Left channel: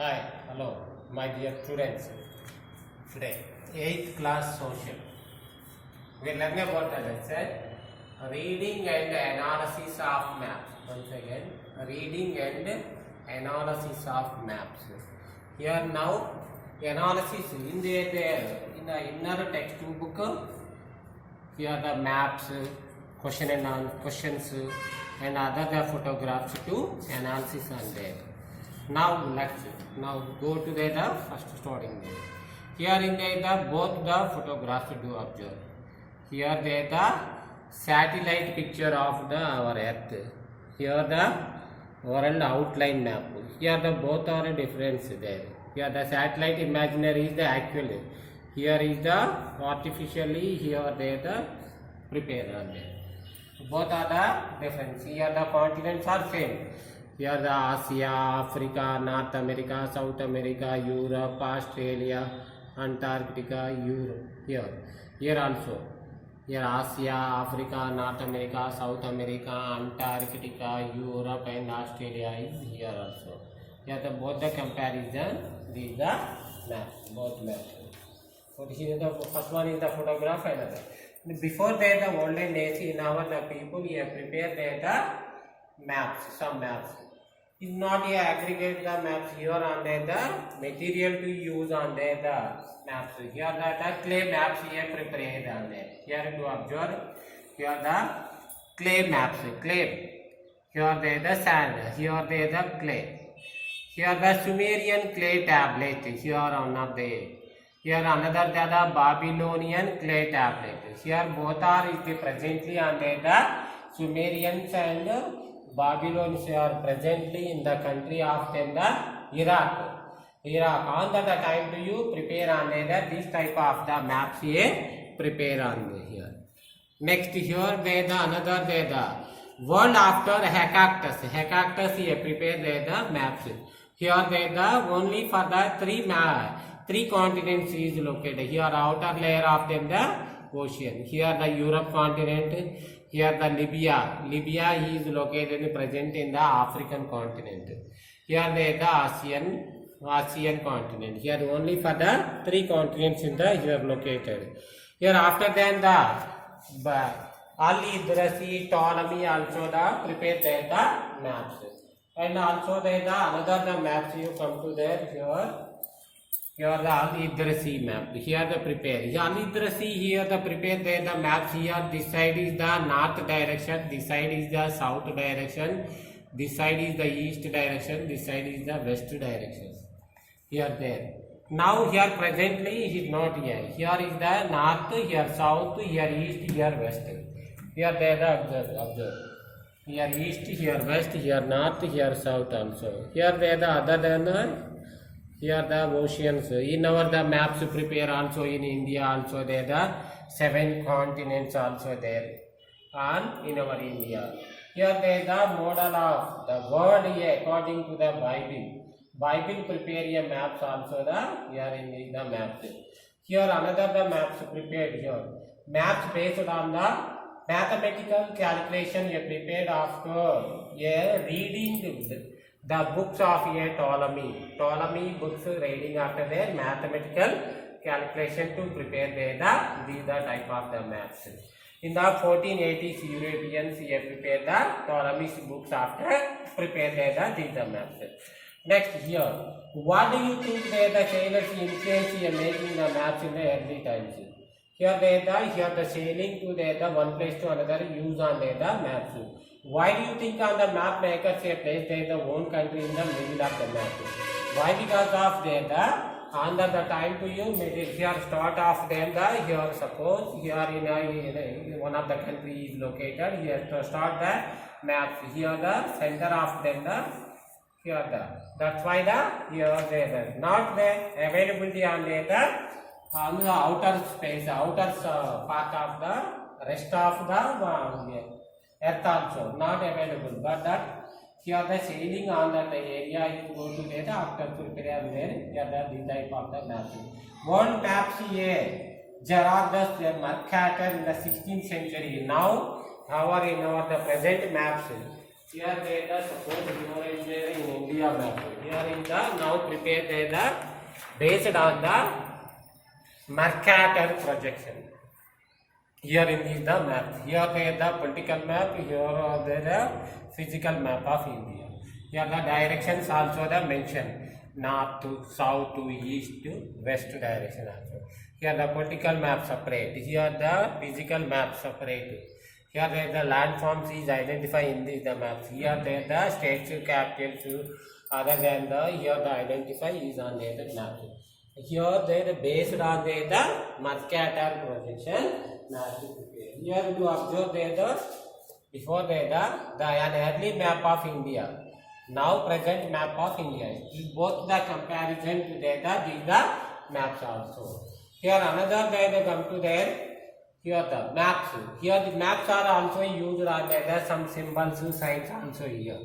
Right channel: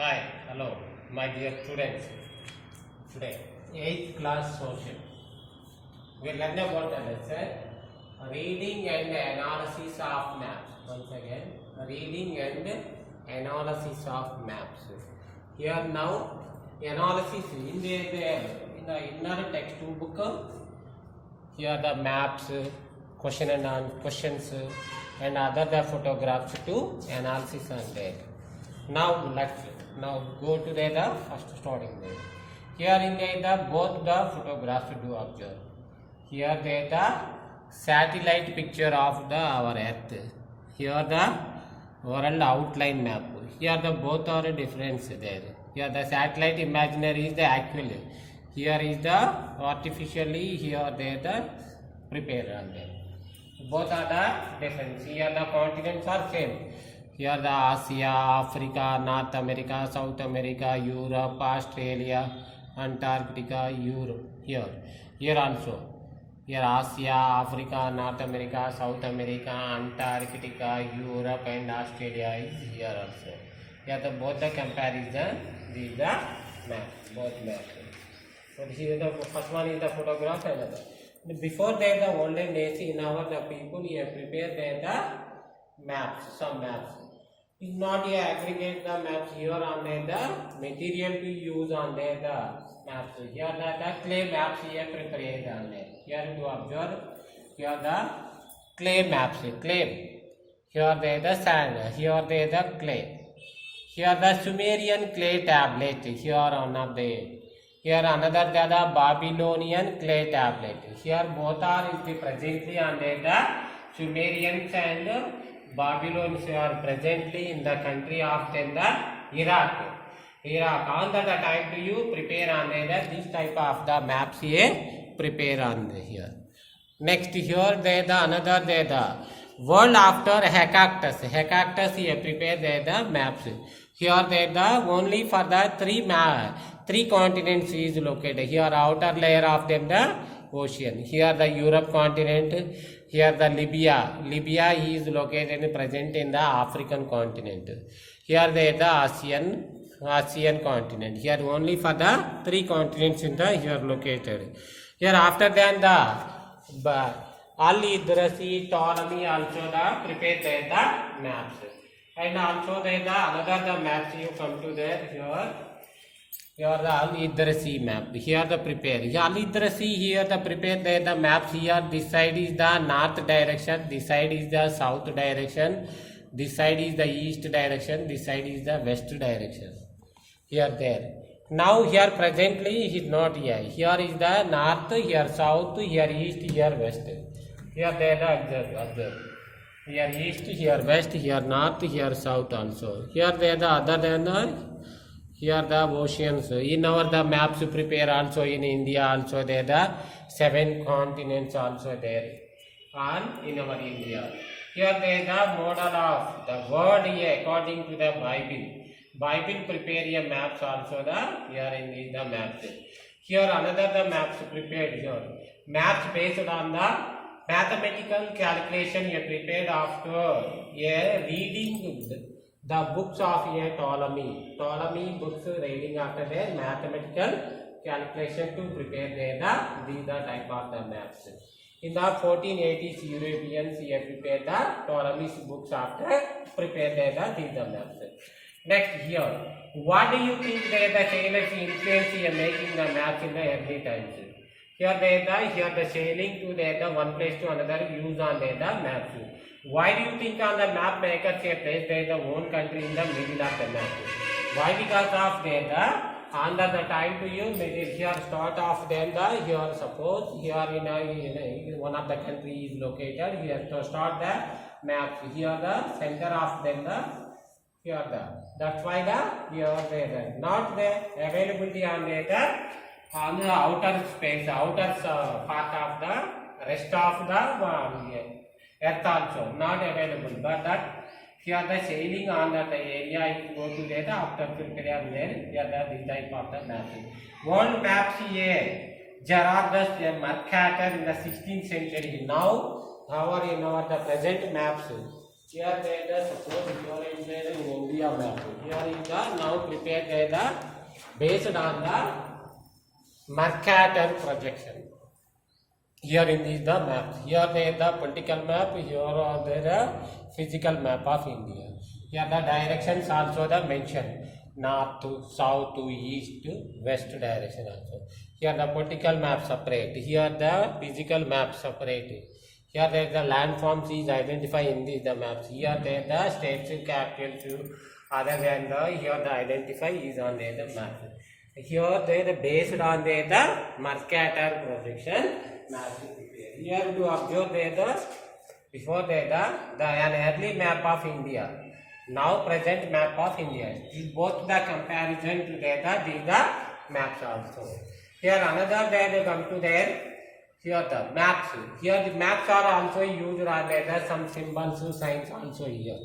Hi, hello, my dear students. Today, 8th class social. We learn about the lesson reading and analysis of maps. Once again, reading and analysis of maps. Here now, analysis in the inner textbook. Here the maps, questions, and other the photographs to analysis on there. Now let's go to the first starting there. Here in the both the photographs to observe. Here the satellite picture of the our earth. Here the world outline map. Here the both are difference there. Here the satellite imaginary is the actual. Here is the artificially. Here the prepared on there. Both are the difference. Here the continents are same. Here the Asia, Africa, North America, South America, Europe, Australia, Antarctica, Europe. Here also. Here Asia, Africa, North America, South America, Antarctica, Europe and Australia is here also. Here the both the comparison. These the map. Both maps. So here the first one is the photograph another. Before that the olden days in our the people here prepare the maps, some maps. Is not a aggregate the maps here on the material to use on the maps. Here the clay maps here prepared on there. Here to observe. Here the clay maps. Clay. Here the sand. Here the clay. Here the Sumerian clay tablet. Here one of the. Here another the Babylonian clay tablet. Here both are is presently on the Sumerians and Babylonians are presently in the country of Iraq. On that time to you prepare on this type of the maps here prepare on here. Next here the another the world after Hecactus. Hecactus here prepare the maps. Here the only for the three continents is located. Here outer layer of them the ocean. Here the Europe continent. Here the Libya. Libya is located present in the African continent. Here the Asian continent. Here only for the three continents in the here located. Here after that the Al-Idrasi, Ptolemy also the prepared the maps. And also the another the maps you come to there here. Here the Al-Idrasi map. Here the prepare. Al-Idrasi here the prepare the maps here. This side is the north direction. This side is the south direction. This side is the east direction. This side is the west direction. Here there. Now here presently it is not here. Here is the north. Here south. Here east. Here west. Here there the observe. Here east. Here west. Here north. Here south also. Here there the other than the. Here the oceans. In our the maps prepare also in India also there the 7 continents also there. And in our India. Here there the model of the world here according to the Bible. Bible prepare a maps also the here in the maps. Here another the maps prepared here. Maps based on the mathematical calculation here prepared after reading the books of Ptolemy. Ptolemy books reading after their mathematical calculation to prepare these type of the maps. In the 1480s, Europeans prepared the Ptolemy's books after prepare these maps. Next here, what do you think the sailors influence making the maps in the early times? Here the sailing to the one place to another use on the maps. Why do you think on the map makers place their own country in the middle of the map? Why? Because of under the time to you here start off then here suppose here in one of the country is located here to start the maps here the center of then here that's why here there not the availability on the outer space outer part of the rest of the earth also not available, but that here the sailing on that area is go to there after prepare there here this type of the maps. World maps here Gerardus Mercator in the 16th century. Now our in our the present maps Here there the suppose here is there in India map. Here is the now prepare there the based on the Mercator projection. Here in is the map. Here there the political map. Here are there the physical map of India. Here the directions also the mentioned. North to south to east to west direction also. Here the political map separate. Here the physical map separate. Here there the landforms is identified in the maps. Here there the states capitals other than the here the identify is on the map. Here they the based on the Mercator projection maps. Here to observe the before the an early map of India. Now present map of India. Both the comparison to these the maps also. Here another they come to there. Here the maps. Here the maps are also used on there some symbols, signs also here.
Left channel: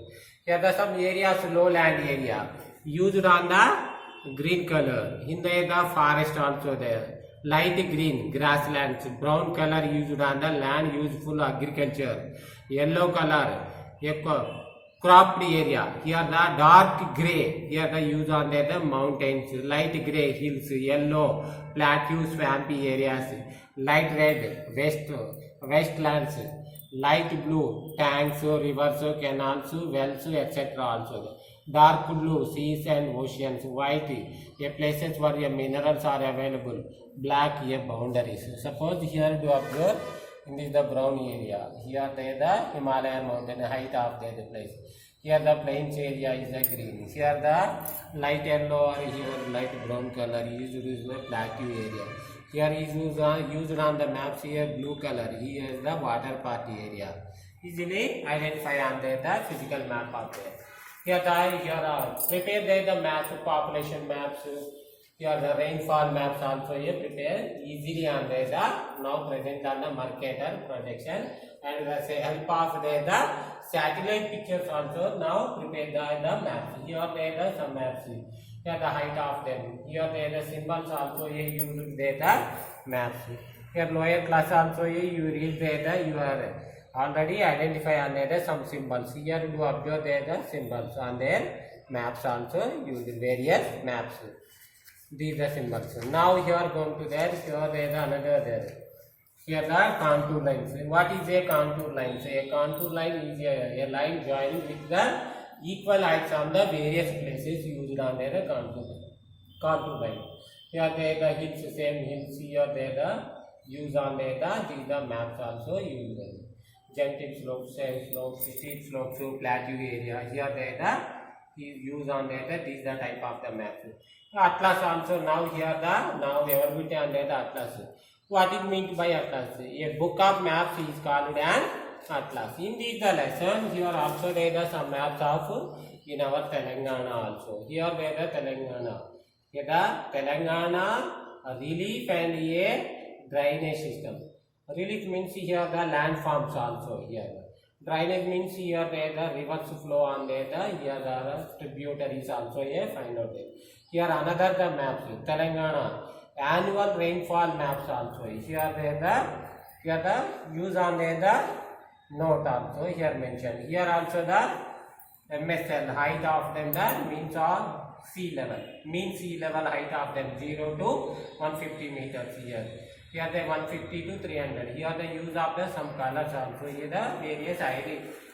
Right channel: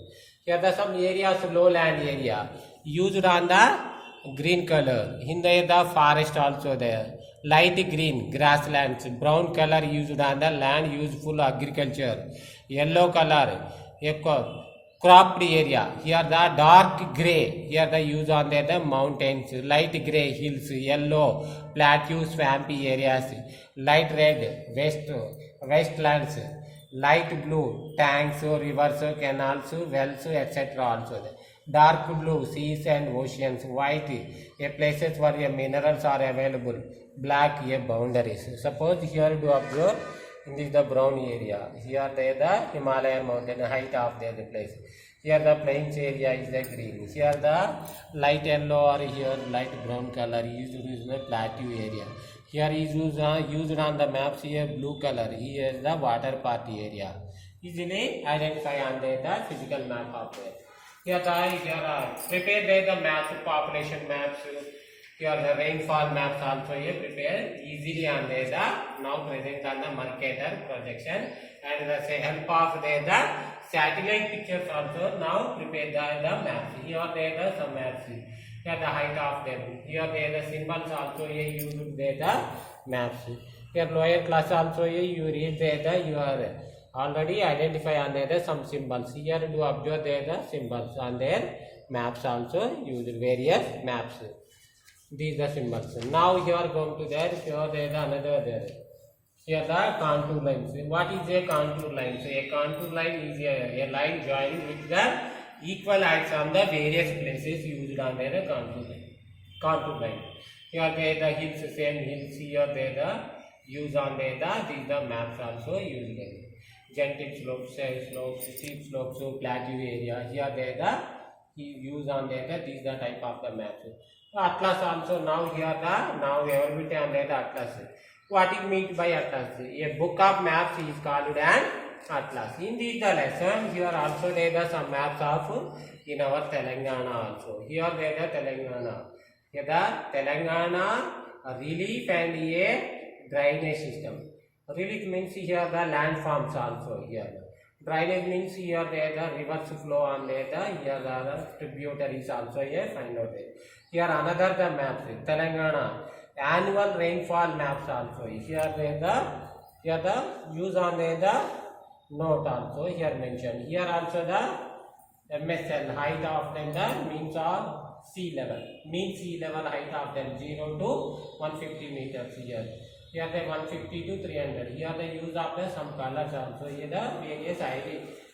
Here the some areas lowland area used on the green color. In the forest also there. Light green grasslands. Brown color used on the land useful agriculture. Yellow color cropped area. Here the dark grey. Here the use on the mountains. Light grey hills. Yellow plateaus, swampy areas. Light red wastelands. Light blue tanks, rivers, canals, wells, etc. also. Dark blue seas and oceans. White places where minerals are available. Black boundaries. Suppose here to observe in this the brown area. Here the Himalayan mountain height of the place. Here the plains area is the green. Here the light yellow or here light brown color is the plateau area. Here is used on the maps. Here blue color. Here is the water party area. Easily identify on the physical map of there. Here are prepared the maps, population maps. Here the rainfall maps also here prepare easily on the now present on the Mercator projection, and the help of the satellite pictures also now prepare the maps. Here there are some maps. Here the height of them. Here there the symbols also here used the maps. Here lower class also here you read the you are already identify on the some symbols. Here to observe the symbols on their maps also use various maps. These are symbols. Now here are going to there. Here there is another there. Here the contour lines. What is a contour line? So a contour line is a line joining with the equal heights on the various places used on the contour line. Contour line. Here there the hills, same hills. Here there the use on the these the maps also used. Gentle slopes, steep slopes, plateau area. Here there the use on the these the type of the maps. Atlas also now here the now availability on the atlas. What it means by atlas? A book of maps is called an atlas. In this the lesson here also there are some maps of in our Telangana also. Here there are Telangana. Here the Telangana relief and a drainage system. Relief means here the landforms also here. Drainage means here there the rivers flow on there. Here the tributaries also here find out there. Here another the maps. Telangana annual rainfall maps also. Here the use on the note also here mentioned. Here also the MSL height of them the means of sea level. Mean sea level height of them 0 to 150 meters here. Here the 150 to 300. Here the use of the some colors also. Here the various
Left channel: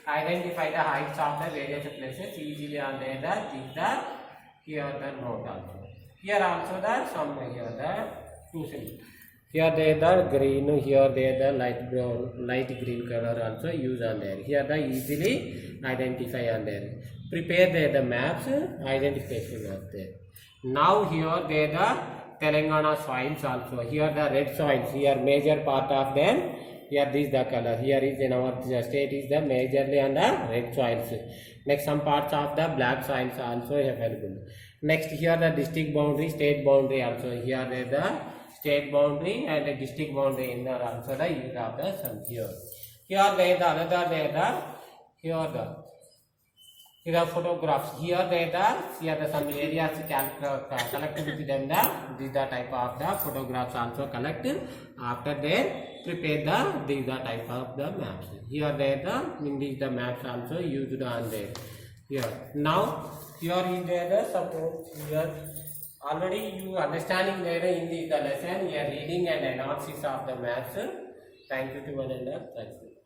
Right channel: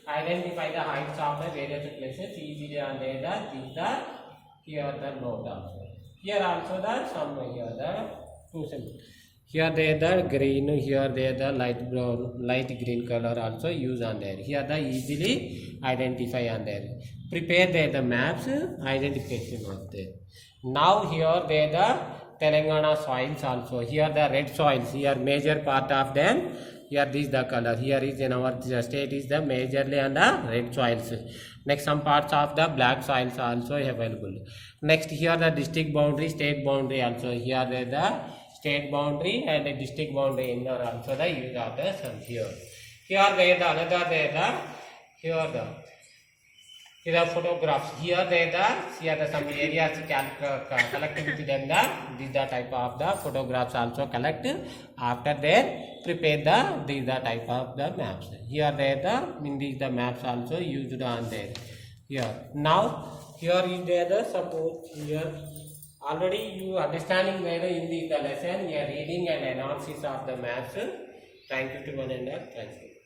identify the heights of the various places easily on the here the note also. Here also the some here the two symbols. Here they the green. Here they the light brown, light green color also use on there. Here the easily identify on there. Prepare the maps identification of there. Now here they the Telangana soils also. Here the red soils. Here major part of them. Here this the color. Here is in our state is the majorly on the red soils. Next some parts of the black soils also available. Next here the district boundary, state boundary also. Here the state boundary and the district boundary in there also the use of the some here. Here there the another there the here the Here are photographs. Here the some areas collected with them. These the type of the photographs also collect. After that, prepare these the type of the maps. Here these the maps also used on there. Here now here is the suppose here already you understanding there in the lesson. You are reading and analysis of the maps. Thank you to one and all. Thank you.